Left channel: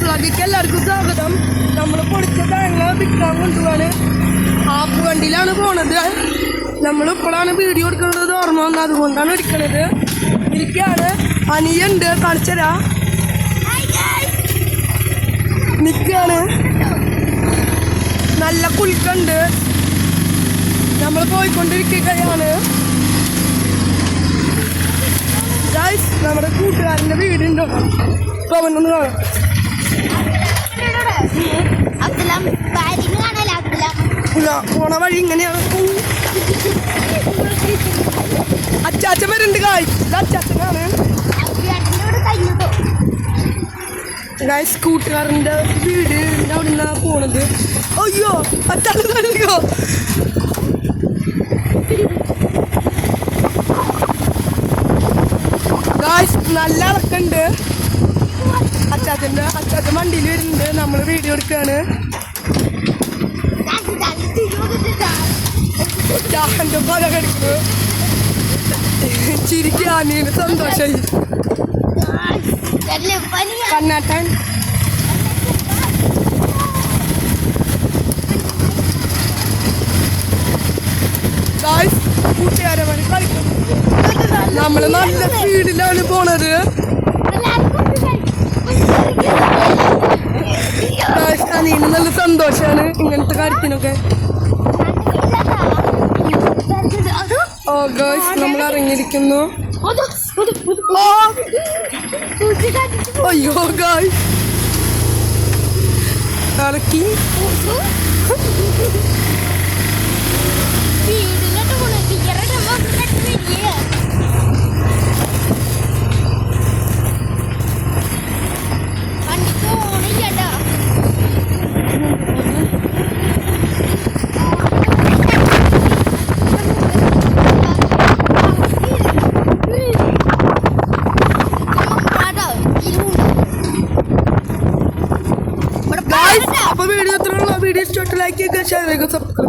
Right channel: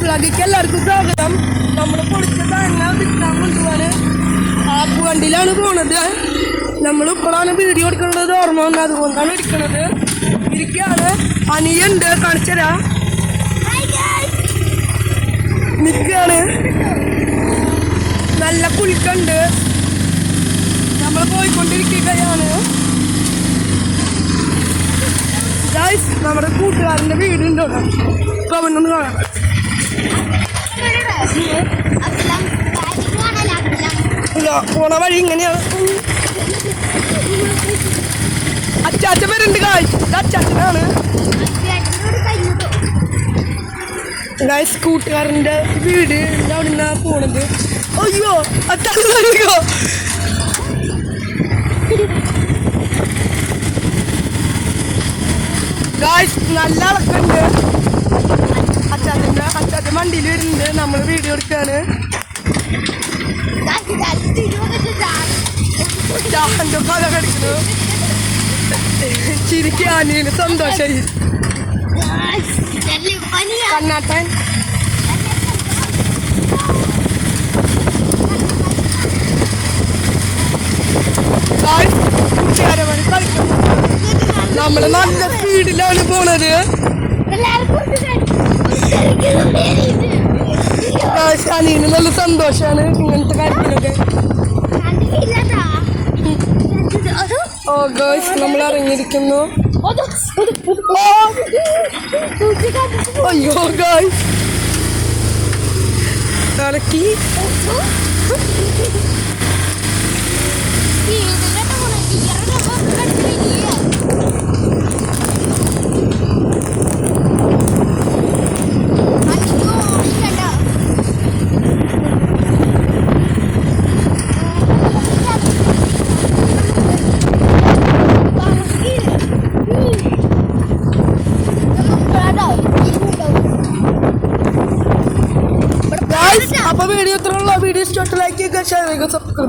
വ്ളോഗിലേക്ക് എല്ലാവർക്കും സ്വാഗതം. നമ്മൾ പൊടിച്ച തേങ്ങ വിൽക്കാൻ കൊണ്ടുപോവാണ്. ആപ്പ് വണ്ടിയിലാണ് പോണത്. നമ്മളിപ്പോഴാണ് വീഡിയോ എടുക്കുന്നത് ഓർമ്മ വന്നത്, അതുകൊണ്ടാണ് എടുക്കുന്നത്. ഇരിക്കുകയാണ്. അനിയുണ്ട്, കാണിച്ചരാ നിൽക്കുകയാണ്. നല്ല കുലുക്കുണ്ട്. നമ്മൾ പോയിക്കൊണ്ടിരിക്കുകയാണ്. ഗൈസ്, നമ്മുടെ കൂട്ടുകാരൻ്റെ വീടുണ്ടോ? ഇപ്പം അവനൊന്ന് കാണാം. പോണ വഴി ഇങ്ങനെയാണ്. അച്ചാച്ചൻ വരുന്നുണ്ട് ഗൈസ്. ഇത് അച്ചാച്ചനാണ് ഗൈസ്. കൂട്ടുകാരൻ്റെ വീട് അവിടെ നിന്നാണ് പോണത്. അയ്യോ, അച്ചാച്ചൻ വരുമോ? ഗൈസ്, നല്ല അളക്കുണ്ട്. അച്ചാച്ചൻ വണ്ടിയിൽ വരുന്നുണ്ട്. നമ്മൾ വീഡിയോ എടുക്കുകയാണ്. ചിരിക്കാനീന് സന്തോഷമായി. കണ്ണാട്ടൻ കൂട്ടുകാരന്മാര് കളിക്കുന്നു. നമ്മള് നല്ല സ്പീഡിലാണ് പോണത്. അനീന് നല്ല സന്തോഷമാണ് ഇങ്ങനത്തെ കാര്യത്തിനൊക്കെ. ഓ ഗേൾസ്, നമ്മൾ ഇറങ്ങിയിരിക്കുന്നു. അയ്യോ ഗേൾസ്, ഇറക്കി. അപ്പോൾ വീഡിയോ ഇത്രയുള്ള. വീഡിയോ ഇഷ്ടപ്പെട്ട ലൈക്ക് ചെയ്യുക, ഷെയർ ചെയ്യുക, സബ്സ്ക്രൈബ്.